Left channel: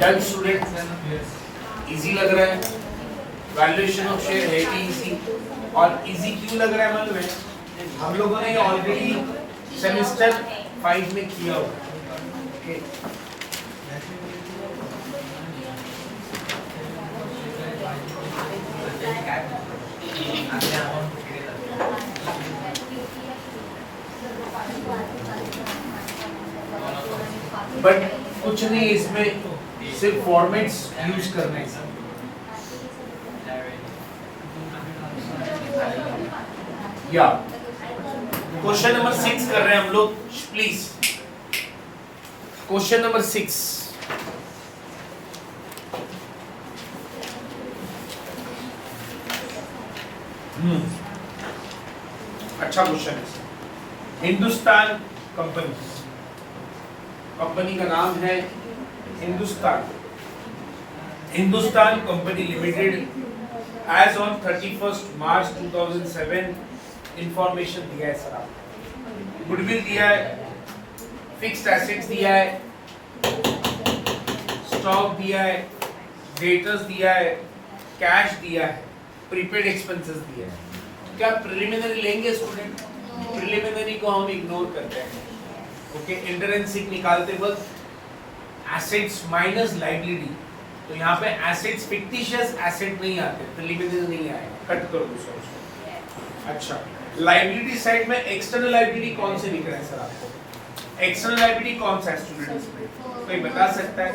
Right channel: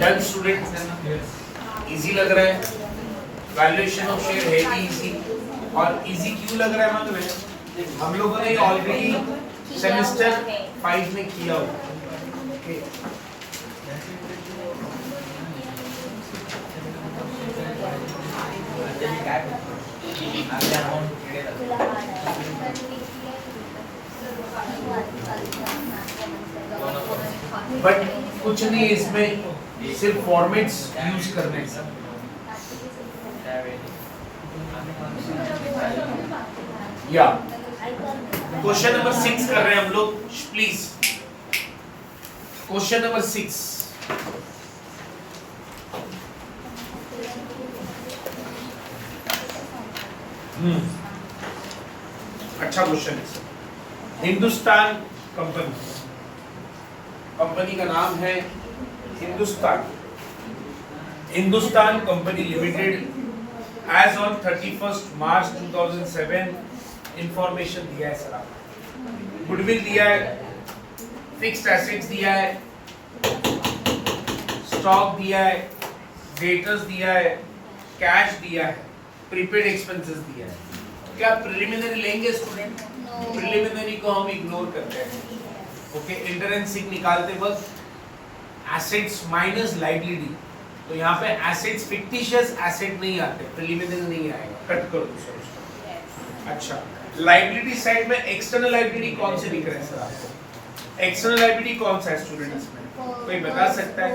Done student, easy लग रहा है, वैल्यूएशन ऑफ शेयर है भी इजी। और इजी क्यों लग रहा है मालूम है, हम लोगों ने ऑलरेडी सेमेस्टर 5 में किया हुआ। ओके बट कुछ नहीं, इसमें सिर्फ फॉर्मेट्स यूज करने हैं सर। या क्वेश्चन नंबर 6 कर रहे हैं हम लोग, प्लीज। क्वेश्चन नंबर 6, अच्छा क्वेश्चन है सर। हिंदुस्तान कंपनी का नाम है Hindustan company limited. As on 31 March 2007 information दिया है सर आपको। गुडविल दिया है, फिक्स्ड एसेट्स दिया है, स्टॉक दिया है, डेटर्स दिया है, कैश दिया है, प्रीपेड एक्सपेंसेस दिया है। क्या प्रिलिमिनरी लेंगे स्टूडेंट? प्रिलिमिनरी को हम इग्नोर करते हैं। ओके, इंटरेंसिक निकालते वक्त एसेट्स माइनस लायबिलिटी, तो यहाँ पे एसेट्स फिक्टिशियस एसेट नहीं आते, प्रिलिमिनरी नहीं आएगा, कट कर दो सर उसको। अच्छा, लायबिलिटी साइड में एक्सटर्नल लायबिलिटी कौन से दिख रहे हैं सर आपको? एक्सटर्नल लायबिलिटी कौन सा है स्टूडेंट इसमें? कोई बता सकता है?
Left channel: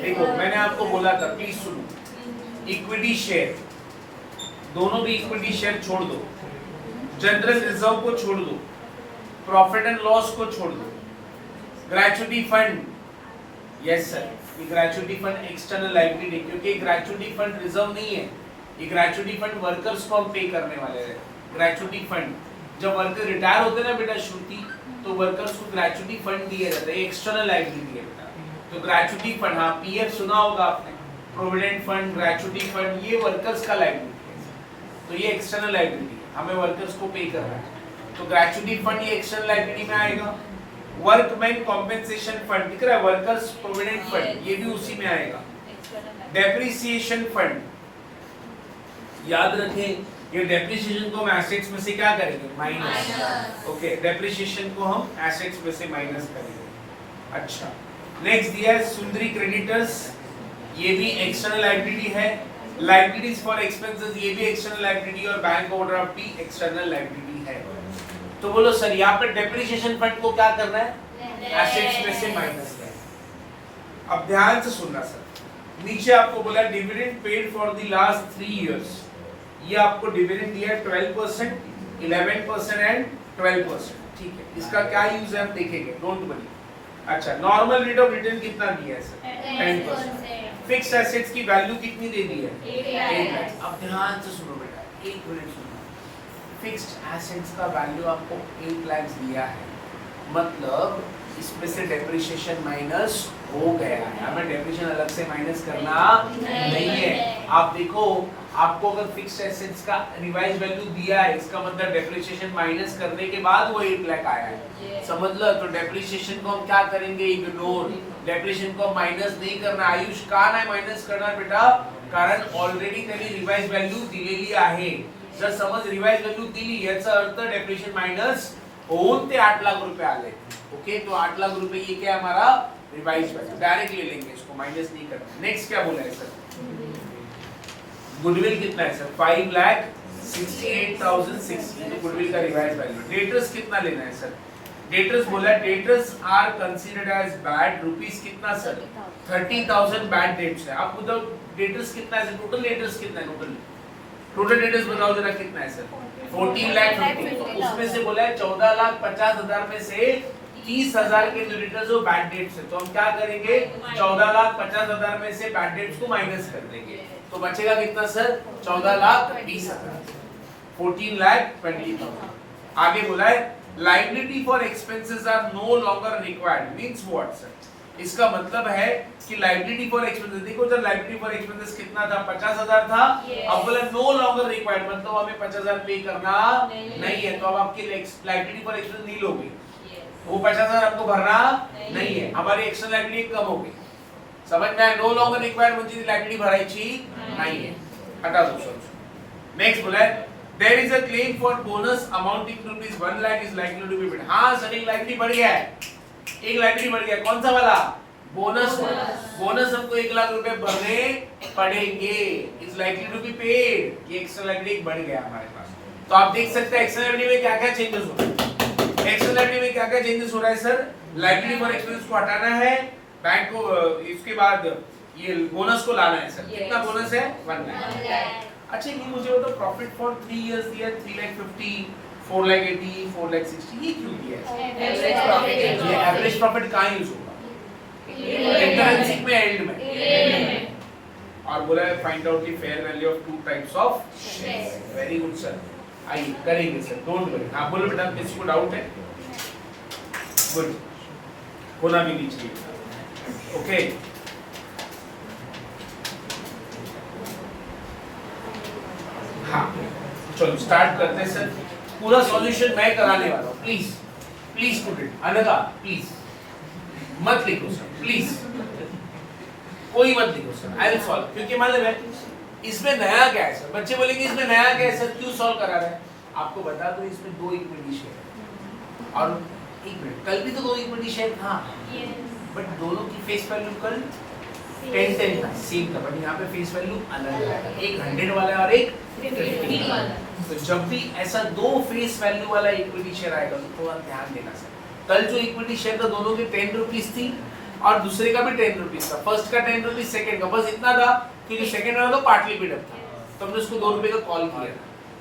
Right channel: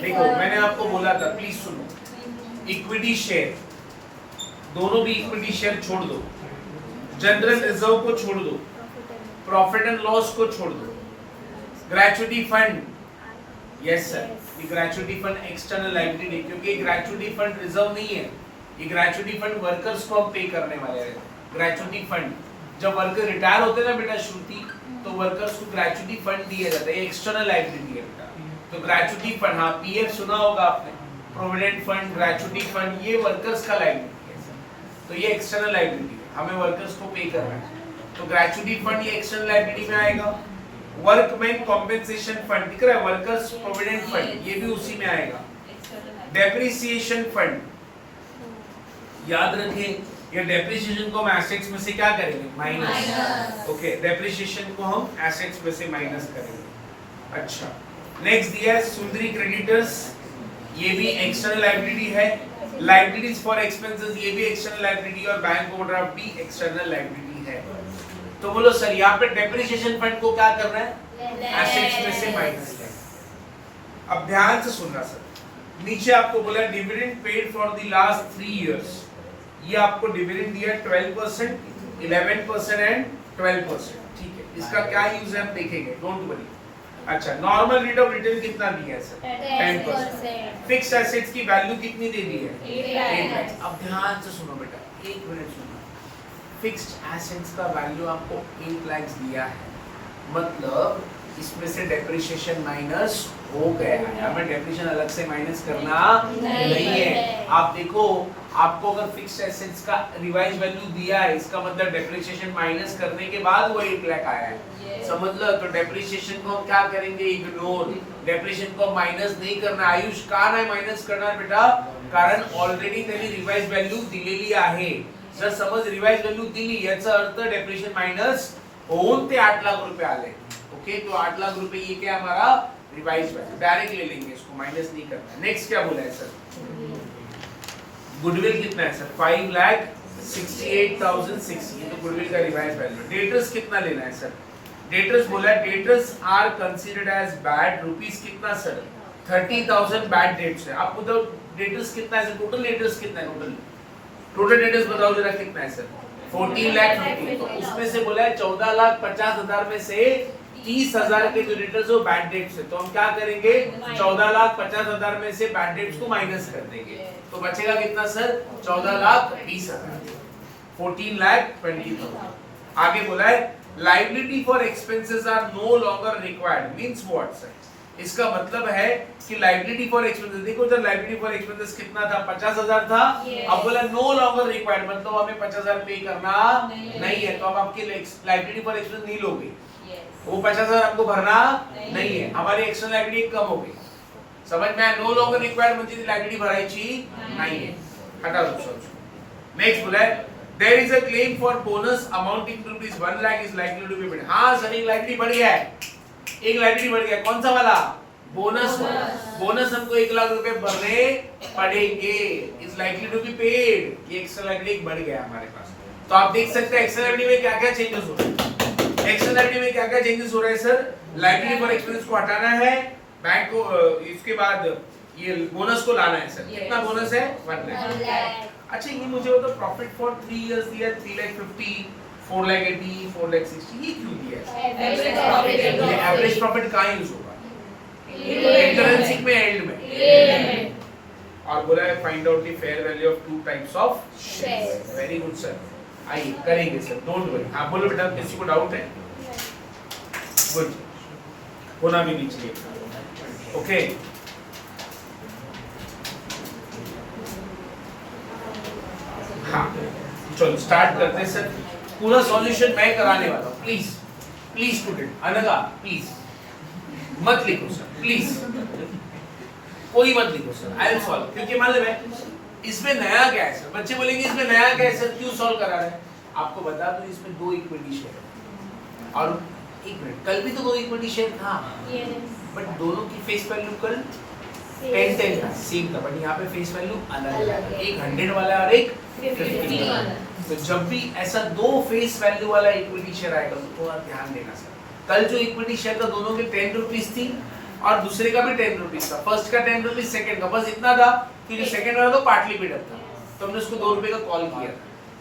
देखो मैंने आपको बोला था, प्लीज सुनो, इक्विटी शेयर, दोनों भी इक्विटी शेयर छोड़ दो, जनरल रिजर्व को छोड़ दो, प्रॉफिट एंड लॉस को छोड़ दो, ग्रेचुइटी फंड, यस सर, ये ग्रेचुइटी फंड एक्सटर्नल लायबिलिटी, क्योंकि ग्रेचुइटी फंड रिजर्व नहीं है, ये ग्रेचुइटी फंड वर्कर्स को हम पे करने वाले हैं। ग्रेचुइटी फंड, जब वर्कर रिटायर होते हैं ना बेटा श्रुति, तो वर्कर्स को ग्रेचुइटी फंड दिया जाता है, एक्सटर्नल लायबिलिटी है बेटा। तो ग्रेचुइटी फंड, हाँ पीएफ सुना होगा आपने, प्रोविडेंट फंड, ग्रेचुइटी फंड, ये वर्कर्स का लायबिलिटी है, तो ये एक्सटर्नल लायबिलिटी है, हमें वर्कर्स को पे करना है, तो ग्रेचुइटी फंड ये एक्सटर्नल लायबिलिटी में आएगा। वर्कमैन कॉम्पेंसेशन फंड दिख रहा है, वर्कर्स प्रोविडेंट फंड, ये भी उसी में आएगा। डेप्रिसिएशन फंड, याद रखें, ये डेप्रिसिएशन को हम एसेट्स में से क्या करेंगे? माइनस। ओके, डेप्रिसिएशन को हम एसेट्स में से माइनस करेंगे। अच्छा, नेक्स्ट दिया है सुंदरी क्रेडिटर्स, ये भी एक्सटर्नल लायबिलिटी है। लायबिलिटीज फॉर एक्सपेंसेस, ये भी एक्सटर्नल लायबिलिटी, और बैंक ओवरड्राफ्ट भी एक्सटर्नल लायबिलिटी है। तो बोलो सर यहाँ पे डेप्रिसिएशन फंड को क्या करना है? एसेट्स में से माइनस करना। अब ध्यान से सुनना सर, नीचे आपको बोला dividend paid for the last 3 years, ये आपको डिविडेंड दिया है 12%, 11% एंड 12%, ठीक है। इसका क्या यूज है हम देखेंगे, डोंट वरी। अच्छा, नॉर्मल रेट ऑफ रिटर्न कितना दिया है सर? 10%। फिक्स्ड एसेट्स की वैल्यू कितनी दे दी है? 8 लाख। अब ध्यान से सुनो बेटा, 1 मिनट सुनो। फिक्स्ड एसेट्स का वैल्यू आपको 8 लाख दिया है, मतलब इसमें से डेप्रिसिएशन माइनस हो गया है, हमें डेप्रिसिएशन अलग से माइनस करना नहीं है। आप देखो, आपको अगर फिक्स्ड एसेट्स का रिवाइज वैल्यू दिया है, इसका मतलब डेप्रिसिएशन माइनस करने के बाद वो 8 लाख आया है, समझ लो। तो डेप्रिसिएशन को हम क्या करेंगे? इग्नोर। डेप्रिसिएशन को माइनस नहीं करना। आयुष का नाही माइनस करणार बेटा, कारण ऑलरेडी त्यांनी रिवाइज वैल्यू दिलेली आहे। जर समज रिवाइज वैल्यू दिली, याचा अर्थ डेप्रिसिएशन माइनस होऊन ते 8 लाख रुपए आले। ओके, तो 8 लाख रुपए ये क्या हमारा रिवाइज वैल्यू, डायरेक्ट ले लेंगे, इसको माइनस नहीं करना। नेक्स्ट क्या बोला है सर? गुडविल कितना है सर? 5,68,006, ये तो गुडविल का रिवाइज वैल्यू। डेटर्स कितना लेना है सर? डेटर्स बोला debtors are considered as bad, rupees कितना सर? 30,000 बैड डेट्स है। आप बताओ डेटर्स कितना है? टोटल डेटर्स कितना है? टोटल डेटर्स बताओ जरा कितना है सर? 14 लाख 50। तो उसमें से बोला है 14,50,000 में से 30,000 के जो डेटर्स वो बैड डेट्स है, तो हम क्या करेंगे? 14,50,000 में से बैड डेट्स को माइनस कर देंगे, तो बचेगा कितना सर? 14,20,000, 14,20,000। आगे बोला है liability for expenses are no longer required, means what sir? इसका मतलब है कि लायबिलिटी फॉर एक्सपेंसेस, देखो सर लायबिलिटी फॉर एक्सपेंसेस कितना था? 50,000 था। अब बोला नो लॉन्गर रिक्वायर्ड, मतलब हमें 50,000 पे करना नहीं है, तो अब आपकी लायबिलिटी फॉर एक्सपेंसेस नहीं लोगे, वो 50,000 आपको भरना नहीं है, हमारी एक्सटर्नल लायबिलिटी कम हो गई। समझ में आया? नो लॉन्गर रिक्वायर्ड म्हणजे लायबिलिटी भरायची नाहीये. हटा दो सब. नेक्स्ट बोला है there is a claim for bonus amounting to ₹1 lakh is likely to be paid. हाँ सर, एक लायबिलिटी बढ़ गया है, एक लायबिलिटी बढ़ गया. कौन सा वाला? बोनस. बोनस हमको 1 लाख रुपए भरने पड़ेंगे, is likely to be paid. ये एक्स्ट्रा लायबिलिटी बढ़ गया हमारे पास. तो आप देख सकते हैं एक्स्ट्रा लायबिलिटी में क्या क्या चेंजेस हो रहे हैं. एक्स्ट्रा लायबिलिटी में क्या क्या चेंजेस हो रहा है सर? लायबिलिटी फॉर एक्सपेंसेस को हटाना है, बैंक को इसके बाद ये बोनस को लाना है सर. कितना बोनस है? 1 लाख. अच्छा ये मुझे बताओ, प्रॉफिट फॉर 3 इयर्स दिया 3,50,000, 4,80,000, 4,60,000, ये क्यों दिया है? ये एवरेज प्रॉफिट कहाँ यूज होगा? इंटरेंसिक में, एंड में. और बोला है find out the fair value of 2 types of shares. Very good sir, आइए करेंगे सर, डोंट वरी. हाँ बोलो बेटा, किसी को डाउट है? गुड, होना भी नहीं चाहिए. ओके हाँ चलो स्टार्ट करते हैं सर. पूरा सॉल्यूशन मैं कराने वाला हूँ. प्लीज प्लीज स्टूडेंट, अनगा प्लीज मत लिखो सर, प्लीज कोई मत लिखो सर. I will solve. क्योंकि मालूम है इसमें नया क्या है सर? बच्चे बोलेंगे इसमें नया क्या है सर, क्यों सॉल्व करा रहे हैं? आपको बता दो, इसमें 2 इक्विटी शेयर है. और एक मिनट, कल भी तो 2 इक्विटी शेयर था, बट दोनों की फेस वैल्यू कल 10 था, सेम था, बट यहाँ पे फेस वैल्यू अलग है. एक 100 वाला और एक 50 वाला. तो जब भी ऐसा 2 फेस वैल्यू वाला इक्विटी शेयर आएगा तो थोड़ा ध्यान देना सर. कल जो इक्विटी शेयर था दोनों के 10 रुपीस थी और दूसरे का भी 10 रुपीस था. फर्स्ट का 10 रुपीस, सेकंड का बस इतना था कि जो सेकंड वाला था पार्टली पेड अप था, तो हमने उसको 2 रुपए का कॉल किया था.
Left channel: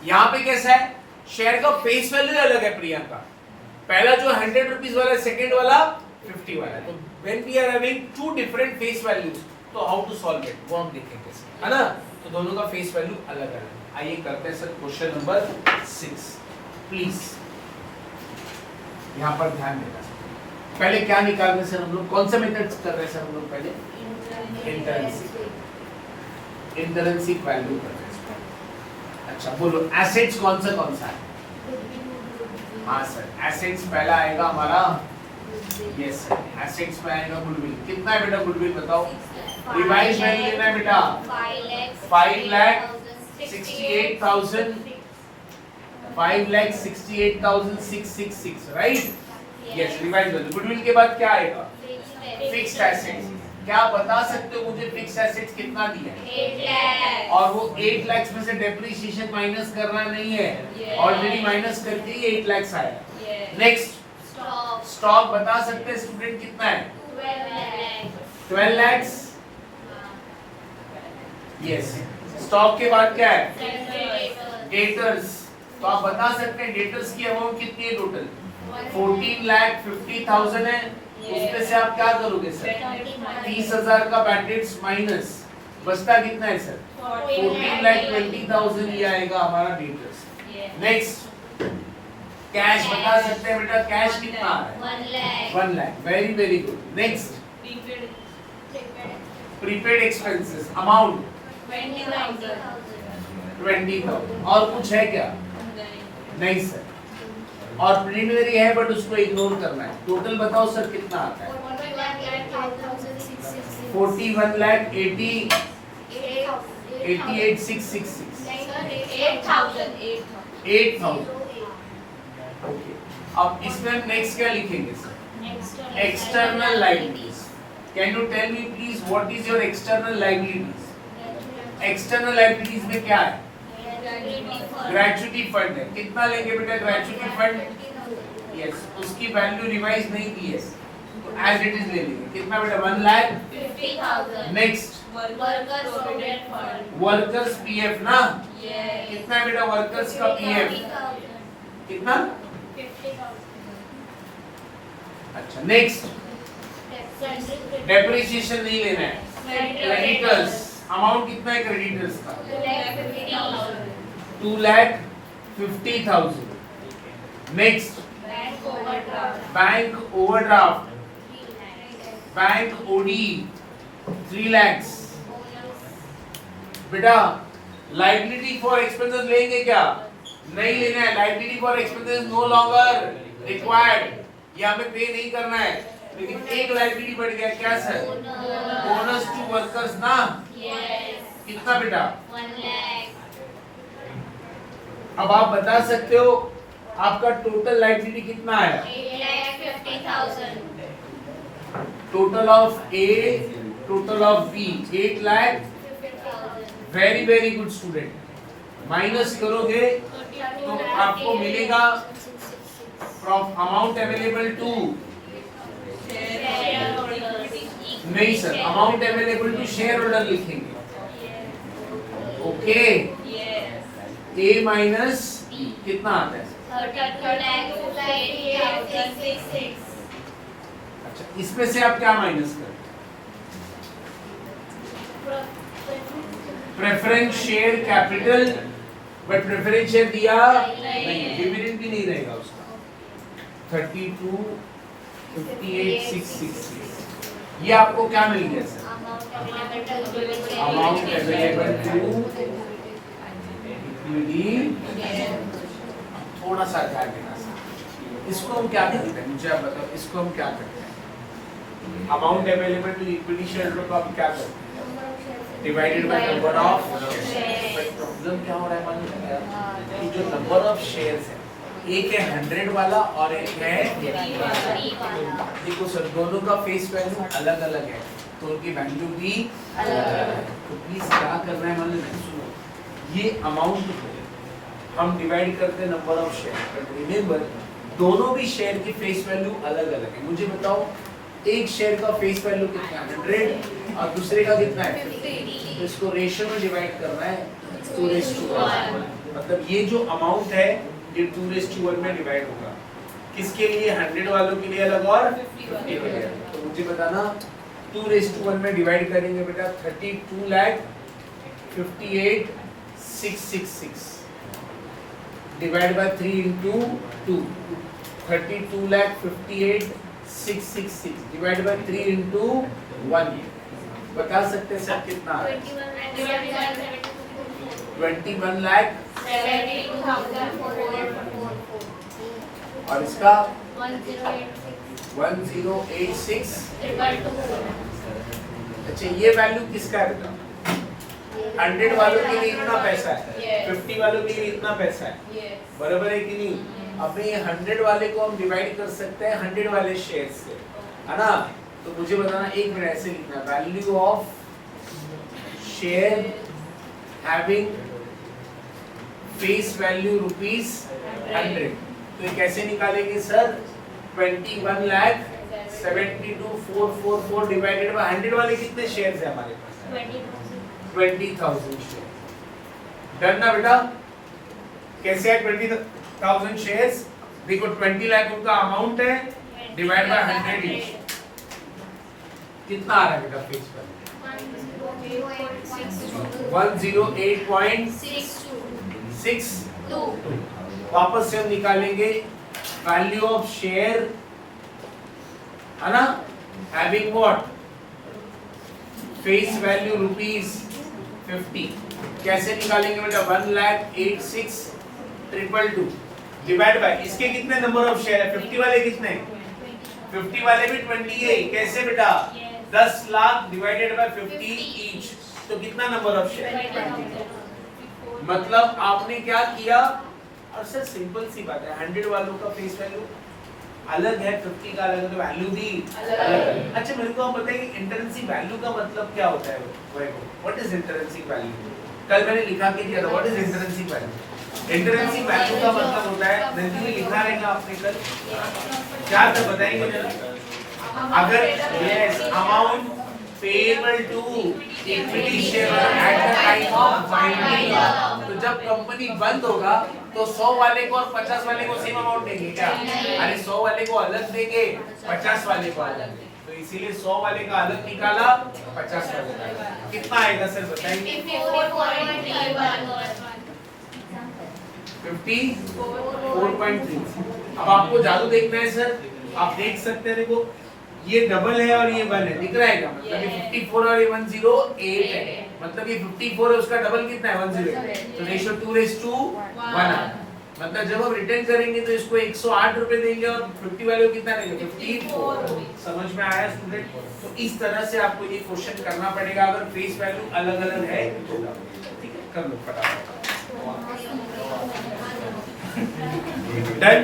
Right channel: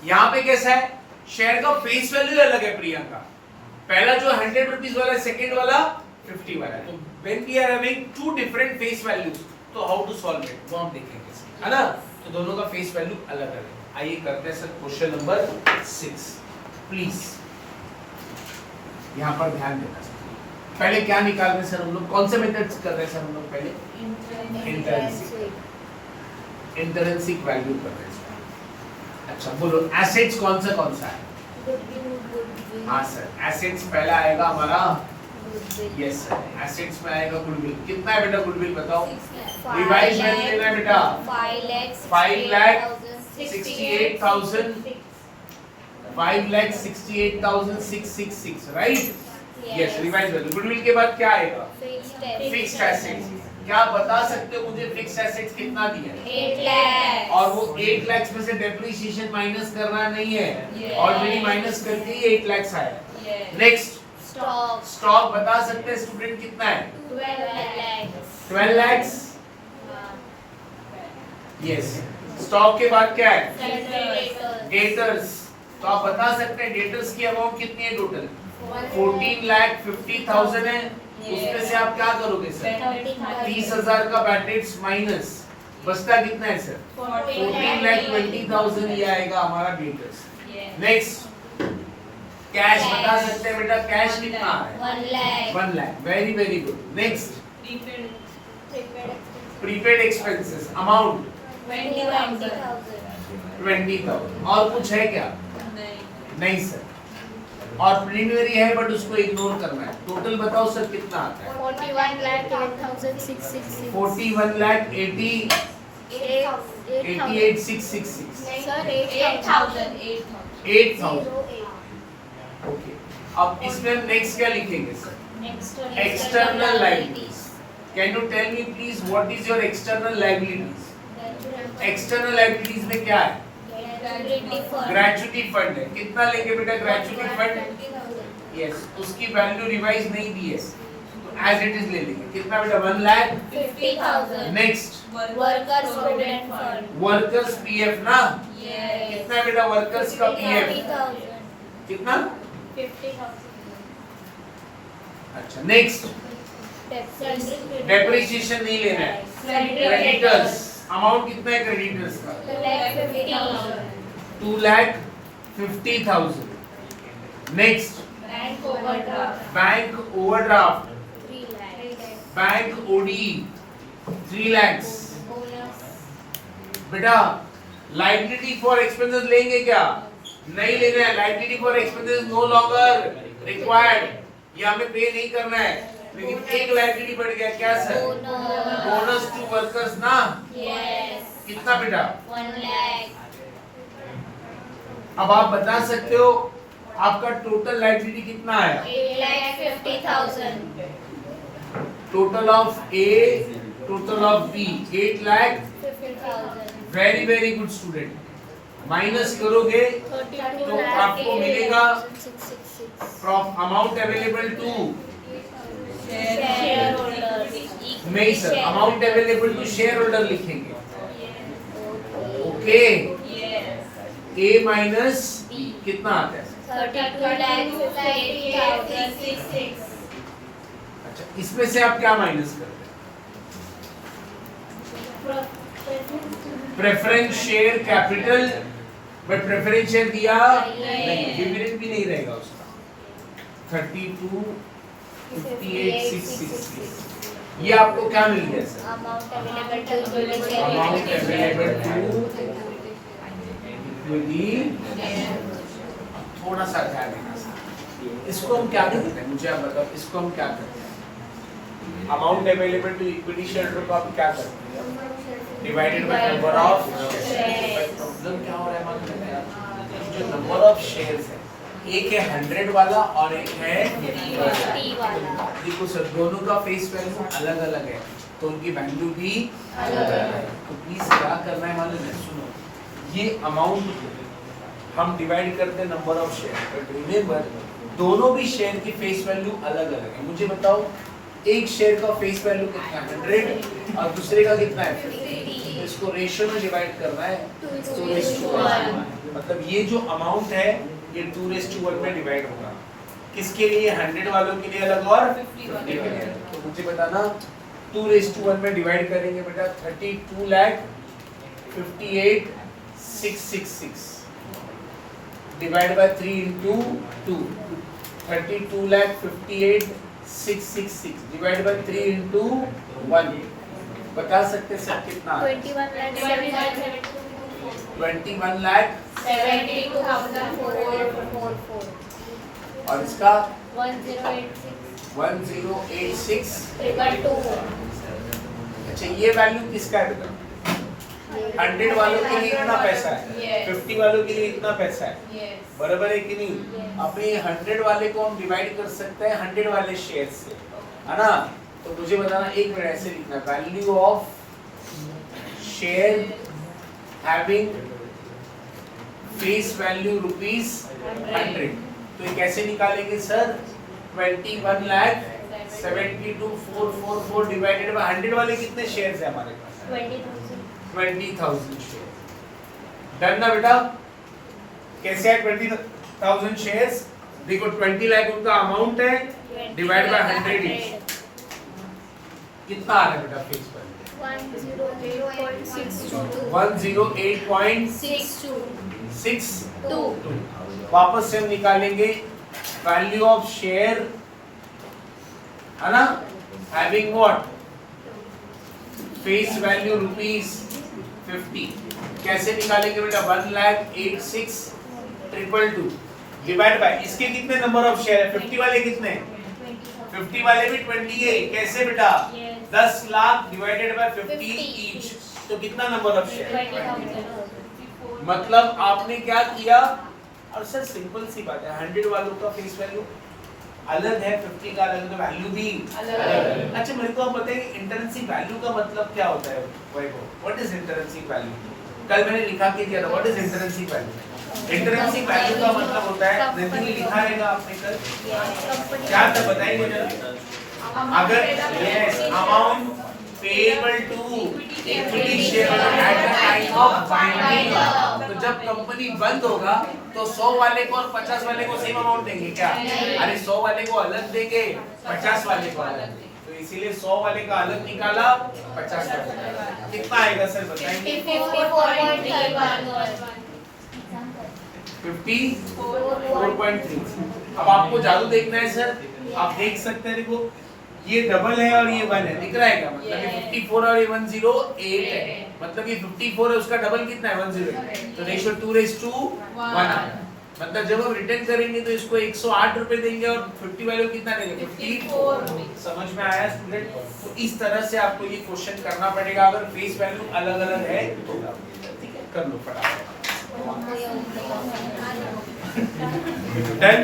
यहाँ पे कैसा है, शेयर का फेस वैल्यू अलग है प्रियंका. पहला जो 100 रुपीस वाला, सेकंड वाला 50 वाला. तो when we are having 2 different face values, तो हाउ टू सॉल्व इट वो हम देखेंगे, है ना. तो दोनों का फेस वैल्यू अलग अलग. आइए करते हैं सर क्वेश्चन नंबर 6. प्लीज यहाँ पर ध्यान देना. पहले क्या निकाल रहे हैं सर हम लोग? कौन से मेथड कर रहे हैं सर हम लोग? पहले इंटरेंसिक वैल्यू कर रहे हैं. अच्छा बोलो, एसेट्स कौन सा है? हाँ सर, एसेट्स पहला आएगा हमारा. यस सर, एसेट्स में आएगा गुडविल. कितना है बेटा गुडविल बताओ? रिवाइज वैल्यू लेना है बेटा. 5,68,000, 5,68,666, right? Yes, revise value. Goodwill के बाद क्या आएगा? Fixed assets. क्या बता सकते हो मुझे फिक्स्ड एसेट्स कितना दिया है? 8 लाख. और वो 8 लाख में से डेप्रिसिएशन माइनस करना नहीं है, ऑलरेडी माइनस करके ही 8 लाख आएगा. नेक्स्ट स्टॉक बता सकते हैं स्टूडेंट कितना है? 12 लाख. यस. स्टॉक के बाद क्या है? डेटर्स. तो आप बता सकते हैं डेटर्स की अमाउंट कितनी है टोटल? 14,50,000 है. उसमें से आप क्या करोगे सर? 30,000 का बैड डेट्स माइनस, बचता कितना है सर? 14,20,000 ये आएगा हमारा डेटर्स. नेक्स्ट कैश बता सकते हैं बेटा, कैश कितना है? 1 lakh. Very very good. Next prepaid expenses amount 20,000. और कुछ है क्या? नहीं सर. और प्रीलिमिनरी है बट उसको इग्नोर करना है. टोटल बताओ सर कितना आता है? 41,88,666. 8,000. ओके. अब इसमें हम नेक्स्ट क्या लिखेंगे sir? External liabilities. Can you tell me please what is your external liabilities? External liabilities में क्या है? ग्रेचुटी फंड है. कितना लेंगे बेटा ग्रेचुटी फंड? यस, उसकी वैल्यू रिवाइज नहीं दी है तो एज इट इज ले लेंगे. कितना बेटा? 1 lakh 50,000. Next workers provident fund. Workers PF ना. कितना बेटा वर्कर्स का पीएफ? कितना? 50,000. अच्छा. नेक्स्ट डेप्रिसिएशन नहीं लेना है. क्रेडिटर्स अमाउंट कितना है क्रेडिटर्स का? 2,50,000. Next bank overdraft, bank OD 3 lakh. बेटा लायबिलिटी फॉर एक्सपेंसेस लेंगे क्या? नहीं लेना है. Liability for expenses no longer required. ये हमें पे नहीं करना है, लेकिन एक लायबिलिटी बढ़ गया। क्या सर? बोनस टू वर्कर्स ना। Yes. कितना बेटा? 1 lakh. अब आप बता सकते हो आपका टोटल लायबिलिटी कितना है? 8,50,000. Total of A, total of B 8 lakh. 50,000. Very very good student. Minus करोगे तो आपको मिलेगा अमाउंट अवेलेबल टू, Shareholders. नहीं सर, amount available to share holder लिखेंगे। ओके, ए माइनस कितना आता है? 32,58,666. अच्छा, इसमें से आप क्या माइनस करें? Preference share capital, but preference share दिया नहीं, डिविडेंड भी नहीं रहेगा उसका। 32,58,666 ये आपको क्या मिल गया sir? Amount available to equity. थोड़ा सा ध्यान देना सर, इसको हम क्या करते हैं मुझे आप बताओ, इसको हम क्या करते हैं? Amount available to equity share को आप क्या करते हैं? Divided by number of shares. But problem क्या हो रहा है मालूम है क्या? जो नंबर ऑफ शेयर्स है, एक है 100 वाला और एक है, देखो सर दोनों का फेस वैल्यू अलग अलग है, तो उनकी वैल्यू भी अलग अलग है। तो प्लीज क्या करना है मालूम है, सुनो, ये अमाउंट हम डिवाइड करते हैं number of share, but remember दोनों भी शेयर की फेस वैल्यू अलग अलग है। मुझे बताओ एक शेयर का फेस वैल्यू कितना है? 100 और दूसरे का कितना है? 50। इसको रेशियो में डिवाइड करना है 2:1। मतलब ये जो अमाउंट है ये 2:1 में डिवाइड होगा। किसके लिए? 100 वालों के लिए अलग और 50 के लिए अलग। तो मुझे बताना 2:1 में डिवाइड करेंगे बेटा 32,58,666 divide by 3 into 2, 32,58,666 divide by 3 into 1। बता सकते हैं सब कितना? 21 लाख। 72,444. और इसका 1086. 1086। 222. अच्छा, ये वैल्यू किसका है बेटा? 100 वालों के लिए इतना पैसा है, 50 वालों के लिए इतना पैसा है, बराबर है कि नहीं? अब ये 100 वाले को हम डिवाइड कर सकते हैं 100 वाले शेयर से, है ना? तो मुझे बताना, एक मिनट ऐसे लिखना, value of share having face value ₹100। तो ये कैसे निकालेंगे सर? 21,72,444 डिवाइडेड बाय 100 वाले कितने शेयर्स है हमारे पास? 20,000 शेयर। डन ना बेटा? कैसे है 20,000 शेयर्स? देखो 20 लाख उनका अमाउंट है, डिवाइड बाय 100 ईच, कितना आ रहा है बेटा फेस वैल्यू? 108.62। वापस से हम निकालेंगे वैल्यू ऑफ शेयर, है ना, हैविंग व्हाट? Face value ₹50। कैसे निकालेंगे बेटा? 1,86,222 डिवाइड बाय, इसके कितने नंबर ऑफ शेयर है? 50 वाले कितने? 50 वाले भी 20 है। कैसे बेटा? 10 लाख डिवाइडेड बाय 50 ईच, तो कितना नंबर ऑफ शेयर? 20। मतलब आपने क्या किया? और सर सिंपल सी बात है, 100 वालों का फेस वैल्यू अलग है, 50 का अलग है, तो वैल्यू भी अलग है। अच्छा मेरे को आप बताइए इंट्रिंसिक वैल्यू का मतलब क्या होता है? What is intrinsic value? कल मैंने लिखा के दिया था, what is intrinsic value? Intrinsic value का मतलब होता है, रिज्यूमे लिखा रहेगा आपने कल, क्या था बताइए मुझे। अगर yes, amount payable to equity shareholder at the time of binding. तो जब कंपनी बंद होगा तो 100 वाले को और 50 वाले को सेम अमाउंट देंगे क्या? अरे 100 वाले को अलग देंगे, 50 वाले को अलग देंगे। तो इसीलिए 100 वाले का अलग निकाला, 50 वाले का अलग। कितना आएगा सर बताइए? 54.3। अब आपको जादू देखना है सर, आप देख सकते हैं, देखो ये डबल है और ये 1 है, दिख रहा है क्या? मतलब ये 54 और ये 108 है, मतलब ये 54 है, उसका डबल कितना है? 108। तो रेशियो 2:1 आ रहा है। मतलब जब हम रिटर्न करेंगे तो इसको 108 रुपए देंगे और 50 वैल्यू कितना देंगे 54। समझ में आया स्टूडेंट? तो इस तरह से आपको ये क्वेश्चन करना पड़ेगा अगर फेस वैल्यू अलग अलग है तो। ठीक है, कर लो फटाफट। डन।